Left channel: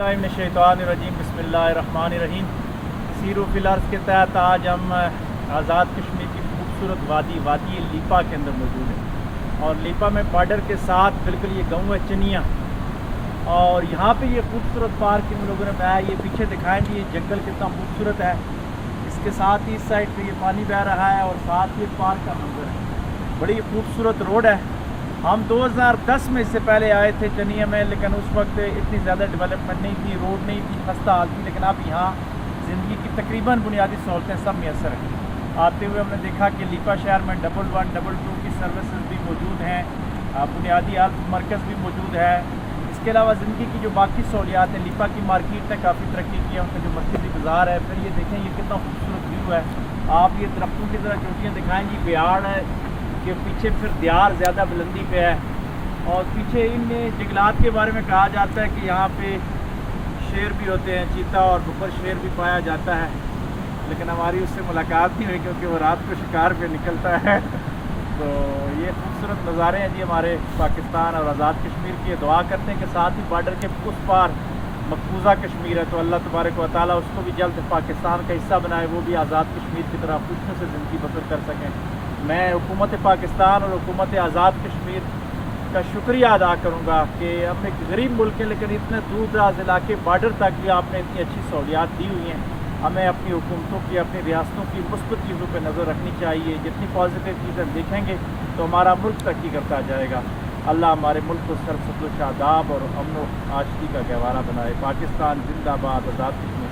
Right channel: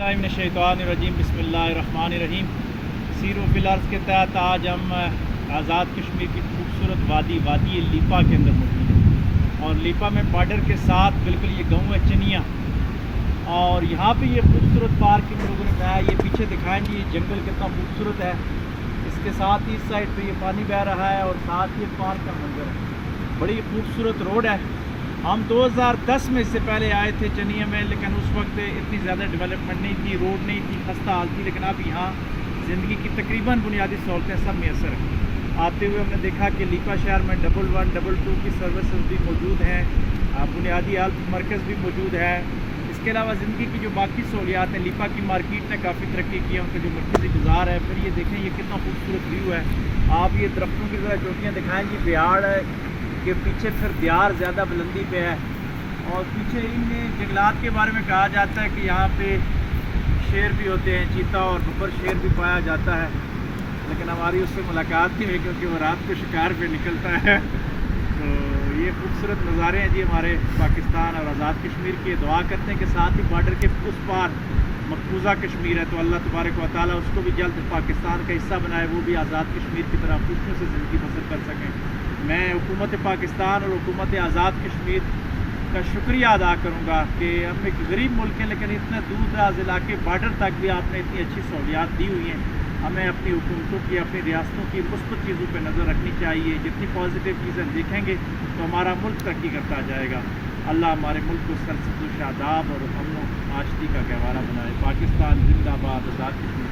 बिस्मिल्लाहिर्रहमानिर्रहीम बिस्मिल्लाहिर्रहमानिर्रहीम। Sero fillers के तहत आज हम आज़ाद कश्मीर की खूबसूरत वादी लीपा के अंदर मौजूद है और लीपा में बॉर्डर के साथ बिल्कुल ये गाँव है चनिया और यहाँ पे ये खूबसूरत पार्क इन लोगों ने बनाया। ये पीछे दिखाएंगे ये जंगल कितना खूबसूरत है, इसके साथ ही इस साइड पे ये पानी बह रहा है और साथ ही पार्क का मंजर है। बड़ी खूबसूरत रोड है। हम 2010 में इससे पहले आए थे चनिया में, लेकिन उस वक्त इतनी ज़्यादा डेवलपमेंट नहीं थी, रोड नहीं थी, खस्ता हाल थी। लेकिन अब यहाँ ज़िंदगी की तकरीबन बुनियादी सहूलतें सब मैसर हैं। आते हुए हमने देखा कि लीपा शहर में 11, 22 की सर्विसेज भी मौजूद हैं, बुनियादी हेल्थ मरकज़ भी मौजूद है। इसके अलावा ज़िंदगी की जो बाकी सहूलियात हैं, लीपा की मार्केट ने काफ़ी तरक्की की है, उनका जो मरकज़ी बाज़ार है। फिर ये देखें ये कितना खूबसूरत व्यू है। आप ये दरख्तों की तरह चोटियाँ दिखाएँ, ये बिहाड़ है के पीछे फिर दियार ज़्यादा बुलंदी पे है और पीछे इन जंगलात के बारे में कहा जाता है कि यहाँ पे शेर भी होते हैं, चीता और बब्बर शेर भी पाया जाता है। लेकिन हमारी उससे मुलाकात नहीं हुई क्योंकि वो रात को शिकार पे निकलता है। तो ये खूबसूरत नज़ारे हैं जी हमारे पाकिस्तान और आज़ाद कश्मीर के। दुआ करते हैं कि साथ ही बॉर्डर के उस पार मकबूजा कश्मीर है, तो अल्लाह तबारक व तआला उसको भी जल्द पाकिस्तान का हिस्सा बनाए, वो भी आज़ाद कश्मीर की तरह खुशियों से ज़िंदगी बसर कर सकें। मैं हुकूमत पाकिस्तान और हुकूमत आज़ाद कश्मीर का शुक्रिया अदा करूँगा कि हम एक गरीब मुल्क हैं, लेकिन इतने दूर दराज इलाके बॉर्डर तक भी आपने इतनी अच्छी सहूलियात दी हुई हैं। हमें अपनी हुकूमतों की, अपनी रियासतों की मुस्बत चीज़ों पर नज़र रखनी चाहिए। जितनी पॉजिटिव चीज़ें देखेंगे तो हमारा मुल्क तरक्की करता जाएगा। अल्लाह हमारे मुल्क को सरसब्ज़ शादाब और अमन व आशती का गहवारा बनाए। पाकिस्तान जिंदाबाद, आज़ाद कश्मीर।